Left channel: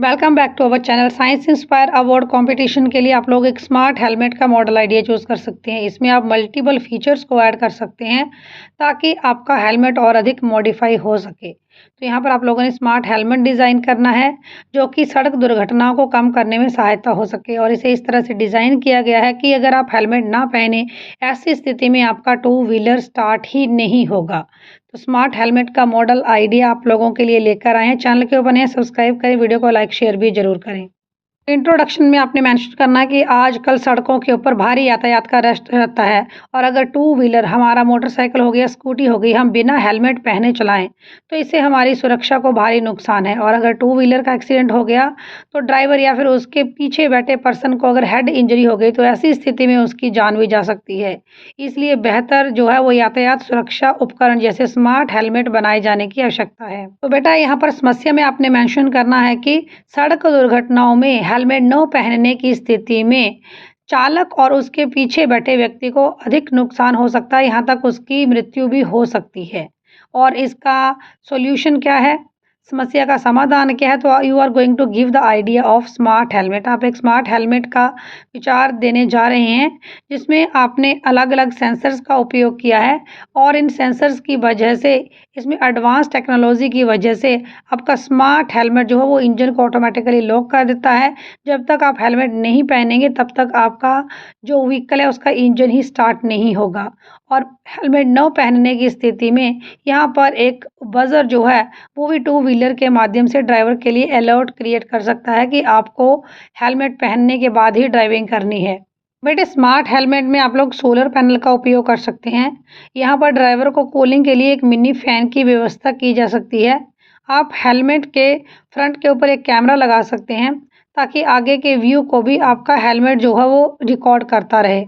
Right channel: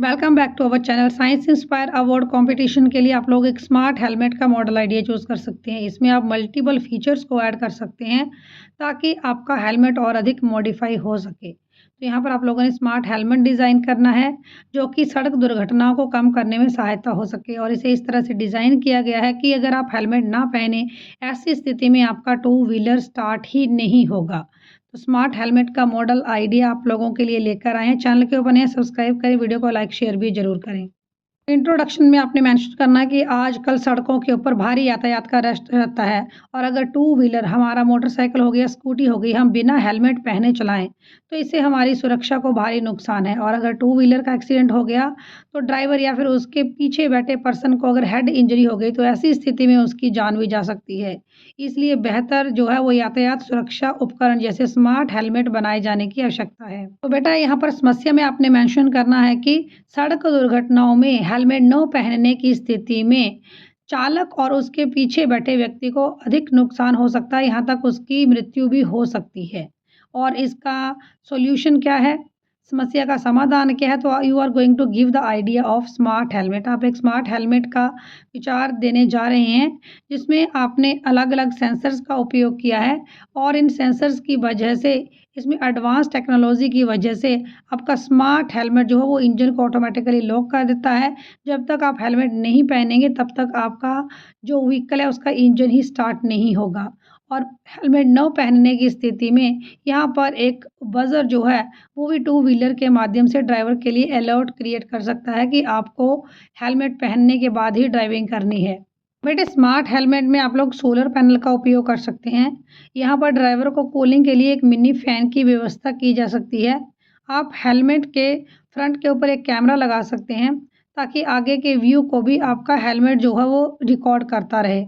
Welcome back to our channel. Science inspire award competition के लिए आप लोग एक स्मार्ट हेलमेट का मॉडल आइडिया चूज़ कर सकते हैं। इसमें आप मल्टीपल फीचर्स को ऐड कर सकते हैं ताकि आपका हेलमेट और अधिक मॉडिफाई हो सके। तो यहाँ पर आप लोगों ने स्मार्ट हेलमेट डिज़ाइन करना है जो कि सड़क दुर्घटनाओं को कम करने में सहायता हो सके, और इसे इस तरह से डिज़ाइन किया गया है कि अगर आप हेलमेट ना पहने ऐसी स्थिति में आपका टू व्हीलर स्टार्ट ही नहीं होगा। तो स्मार्ट हेलमेट का मॉडल आइडिया आप लोगों के लिए लेकर आए हैं। चैनल के ऊपर नए सब्सक्राइब करें, वीडियो को लाइक शेयर भी ज़रूर करें। इंट्रोडक्शन में आपने मेंशन करना है कि आजकल सड़कों के ऊपर भारी यातायात का रश रहता है, और अगर टू व्हीलर हमारा मोटरसाइकिल हो गया, स्कूटी हो गई, हम बिना हेलमेट पहने चलाएं तो इससे हमारी सुरक्षा को भारी नुकसान है। और अगर टू व्हीलर का एक्सीडेंट हो गया तो ड्राइवर या फिर उसके पीछे बैठे पर्सन को अगर हेड इंजरी हो गई तो ऐसी स्थिति में उसकी जान भी जा सकती है। इसलिए बेहतर जो है वो यातायात सुरक्षा उपकरण जैसे स्मार्ट हेलमेट बनाए जाने की आवश्यकता है। तो बेटा यहाँ पर समस्या में आपने मेंशन करना है कि सड़क दुर्घटनाओं में हेलमेट न पहनने की स्थिति में चालक और उसके पीछे बैठे व्यक्ति को अधिक नुकसान हो सकता है, यहाँ तक उसकी मृत्यु भी हो सकती है। और इसका सॉल्यूशन क्या है, समस्या का समाधान क्या है? तो you are going to give the idea of smart helmet. आप एक स्मार्ट हेलमेट का विचार देने जा रहे हैं जिसमें आपने अलग अलग सेंसर्स का उपयोग किया है, और इन सेंसर्स की वजह से, इसमें एडवांस टेक्नोलॉजी की वजह से आपका स्मार्ट हेलमेट जो है वो इंजन को ऑटोमेटिकली लॉक कर देता है। जब तक आप हेलमेट नहीं पहनेंगे तब तक आपका जो व्हीकल है उसका इंजन ही स्टार्ट नहीं होगा। और हेलमेट न पहनने की स्थिति में यहाँ पर एक बजर जो है वो भी टू व्हीलर के माध्यम से ड्राइवर के लिए अलर्ट क्रिएट कर सकता है कि आपको हेलमेट पहनने के बाद ही ड्राइविंग करनी है। बेटे स्मार्ट हेलमेट में आप लोग सोलर पैनल का उपयोग कर सकते हैं। यहाँ पर ड्राइवर को कूलिंग के लिए एक मिनी फैन की व्यवस्था की जा सकती है। आप हेलमेट के फ्रंट के ऊपर एक कैमरा लगा सकते हैं ताकि आगे के व्यू को भी आपका हेलमेट जो है वो रिकॉर्ड करता रहे।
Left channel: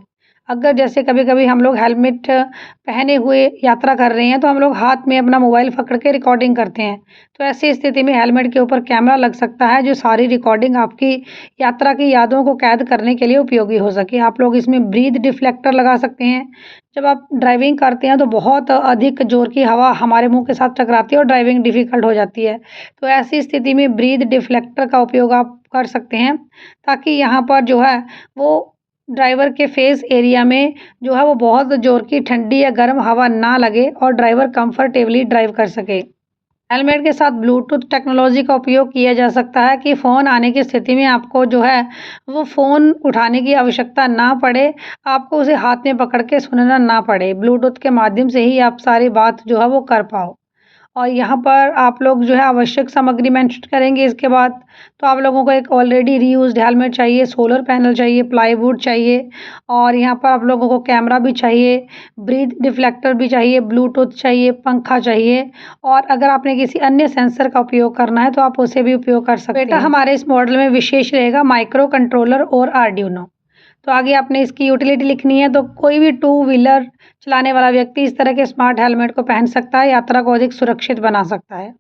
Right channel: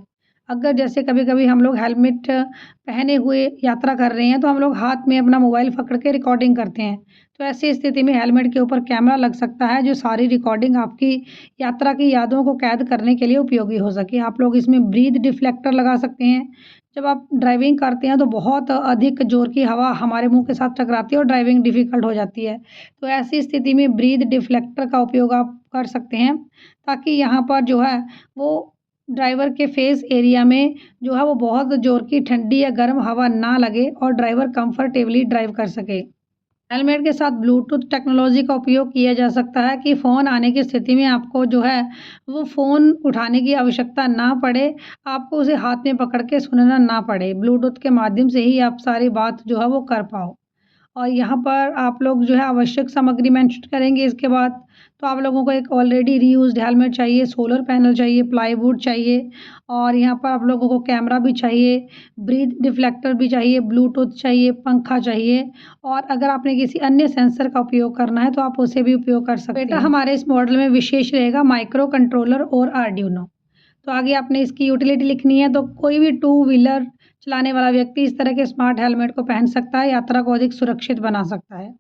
अगर जैसे कभी कभी हम लोग हेलमेट पहने हुए यात्रा कर रहे हैं तो हम लोग हाथ में अपना मोबाइल पकड़ के रिकॉर्डिंग करते हैं, तो ऐसी स्थिति में हेलमेट के ऊपर कैमरा लग सकता है जो सारी रिकॉर्डिंग आपकी यात्रा की यादों को कैद करने के लिए उपयोगी हो सके। आप लोग इसमें ब्रीथ डिफ्लेक्टर लगा सकते हैं। जब आप ड्राइविंग करते हैं तो बहुत अधिक जोर की हवा हमारे मुंह के साथ टकराती है और ड्राइविंग डिफ़िकल्ट हो जाती है, तो ऐसी स्थिति में ब्रीथ डिफ्लेक्टर का उपयोग आप कर सकते हैं ताकि यहाँ पर जो है वो ड्राइवर के फेस एरिया में जो है वो बहुत ज़ोर की ठंडी या गर्म हवा ना लगे और ड्राइवर कंफर्टेबली ड्राइव कर सके। हेलमेट के साथ ब्लूटूथ टेक्नोलॉजी का उपयोग किया जा सकता है कि फ़ोन आने की स्थिति में आपको जो है वो फ़ोन उठाने की आवश्यकता ना पड़े, आपको उसे हाथ में पकड़ के सुनना ना पड़े। ब्लूटूथ के माध्यम से ही आप सारी बात जो है वो कर पाओ। और यहाँ पर आप लोग जो है आवश्यक सामग्री मेंशन करेंगे इसके बाद। तो आप लोगों को एक ऑलरेडी रीयूज्ड हेलमेट चाहिए, सोलर पैनल चाहिए, प्लाईवुड चाहिए, और यहाँ पर आप लोगों को कैमरा भी चाहिए, ब्रीथ डिफ्लेक्टर भी चाहिए, ब्लूटूथ चाहिए, पंखा चाहिए, और अगर आपने किसी अन्य सेंसर का उपयोग करना है तो आप उसे भी उपयोग कर सकते हैं। बेटा हमारे इस मॉडल में विशेष रहेगा माइक्रो कंट्रोलर और आर्डिनो। तो आगे आपने इसकी यूटिलिटी लिखनी है। तो कोई भी टू व्हीलर चलाने वाला व्यक्ति इस तरह के स्मार्ट हेलमेट को पहन सकता है, यात्रा को अधिक सुरक्षित बना सकता है।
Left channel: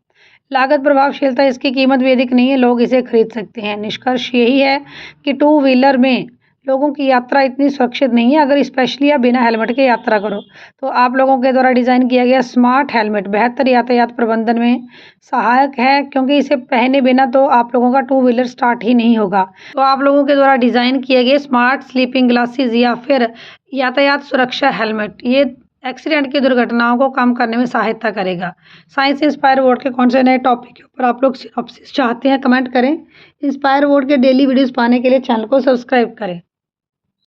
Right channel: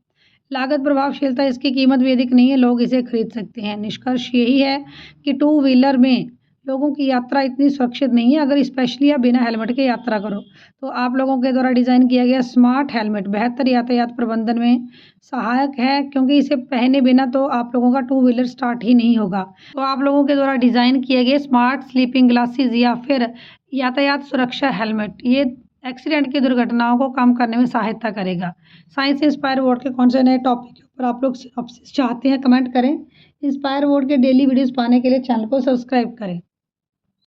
लागत प्रभावशीलता, इसकी कीमत भी अधिक नहीं है, लोग इसे खरीद सकते हैं। निष्कर्ष यही है कि टू व्हीलर में लोगों की यात्रा इतनी सुरक्षित नहीं है अगर स्पेशली आप बिना हेलमेट के यात्रा करो। तो आप लोगों के द्वारा डिज़ाइन किया गया स्मार्ट हेलमेट बेहतर यातायात प्रबंधन में सहायक है, क्योंकि इसे पहने बिना तो आप लोगों का टू व्हीलर स्टार्ट ही नहीं होगा। तो आप लोगों के द्वारा डिज़ाइन किए गए स्मार्ट स्लीपिंग ग्लासेस या फिर यातायात सुरक्षा हेलमेट ये एक्सीडेंट की दुर्घटनाओं को कम करने में सहायता करेगा। साइंस इंस्पायर अवार्ड के कौन से नए टॉपिक के ऊपर आप लोग सिनॉप्सिस चाहते हैं, कमेंट करें। इंस्पायर अवार्ड के डेली वीडियोस पाने के लिए चैनल को सब्सक्राइब करें।